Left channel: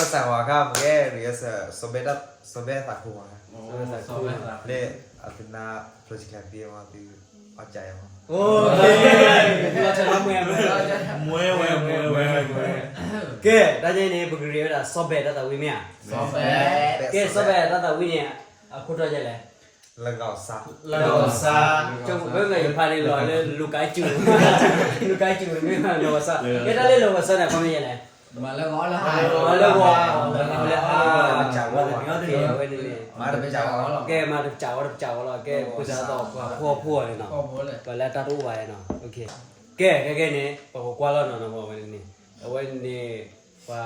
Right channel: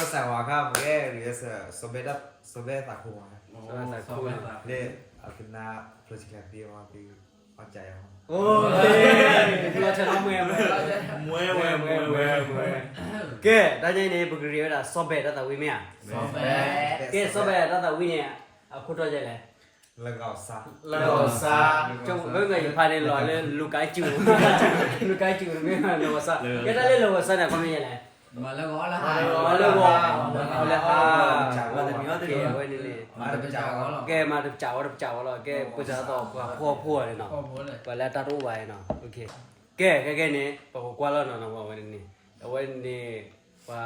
la sanguaga perché riesce sobeta kuma. Le alpina project dia ma di acai ma. โอ้เราจะรับมือไหม မွဲဝဲမွဲဝဲ ကဲဒါကြိုင်းနေပဂရီရတာဆော့ဘဲတတ်တာဝိမယကဲဆော့ဘဲတတ်တာဝိနေအခုတော့ကြိုင်လဲ Lengau sa. ကျုံဘယ်ကဖာနေလောလဲလူကိုင်းကျူလူကိုင်းကျူမင်းကလောဆာကဲဒါလေးလောဆာနဲ့ခမရလဲ mà là ngõ là ဟောလောပြောတယ်ဝဲနေလေ Ma de pechao. ကဲมาကြောက်လောကဲပူဇာတော့ဖွာလေနော် có bố này ဘလာတာတော့ဝိုင်းနော်โอเคကဲနေပကွာလောနော်ဘောဝဲနေဝဲနေပါ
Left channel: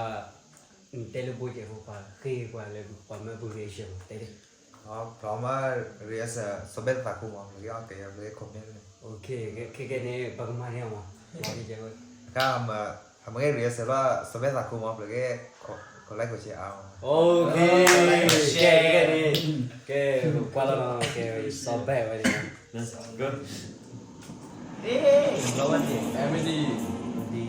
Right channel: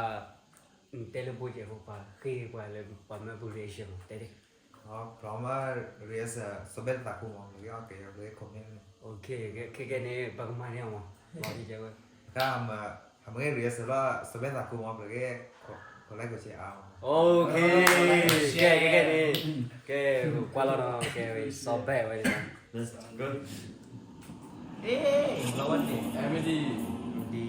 တယ်လီပိုချေဟိုပါခေကွာလေပါမဘူရေရှင်တဲ့ Proma riesce sobeta kuma le ate ya le komen. โอเคကဲနေပကမာနေအောင်ပါဒီကျဲ Cam amore riesce la sobeta kuma perché collego ci ha. โอเคကဲကွာလောနော်ကဲစောဘဲဝဲနေ Let's go em mới đi ဒီ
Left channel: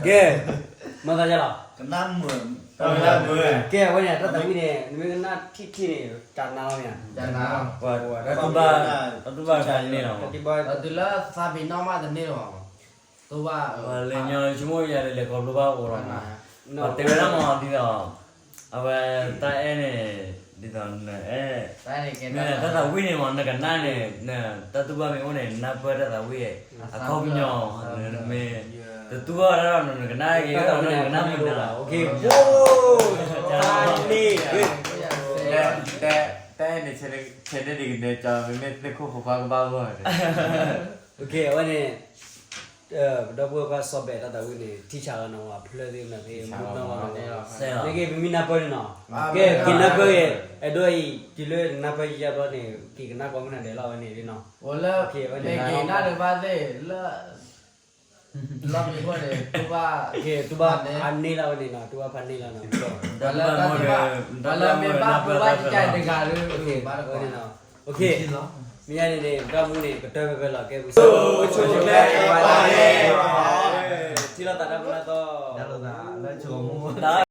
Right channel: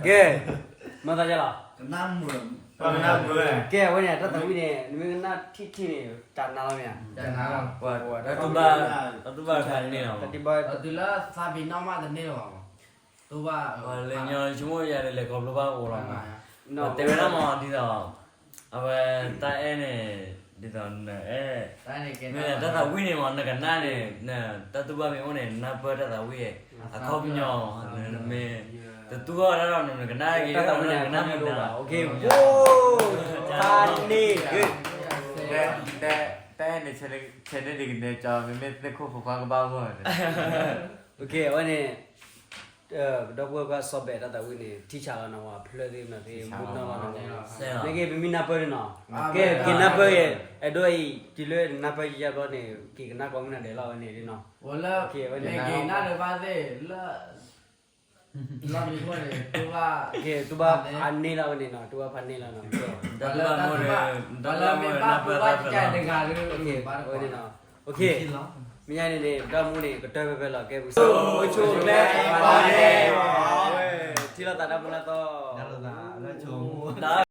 Oke. Mata jalan. Kenapa? Oke, awalnya tetap ini, ini nak titi ni channelnya. Channel. Wah, tu bar kan ni lah. Tiba Itulah sabi nama dan ni loh. Tu bah. Lenyol cuma ya le kau lupa orang. Tapi lama di dah. Apa tak di tahun Tadi ni kita. tak tahu ni mana kan ni. Nah, tak tahu apa ni. Nak ber tak tahu ye. Aku punya me. Tetua lah nak kena lagi. Nak kena muda. Oke. Wow. Tani.แต่ในเชนดิกในจอมันไม่ได้คู่ฟ้าก็บ้าบ่ Oke, awalnya double ka sobe ta tahu ni teacher ka nawa phule de na de mu na ma Saya. ne ke bimi na pa na ke kina pa ke adoi kilo na pa ya do ni ki na ko na de la ni ni no Wala. Lagi nak lepas tu la. La ni kau ni. Tu bah. ke tu ba anni la ni no tu ba panni la no Kalau memang buat jadi dengar oke baru ni no oke miya ni ni da mu ni betul betul la ke so me wala ni tila ta na to Dah lah, dah cuma.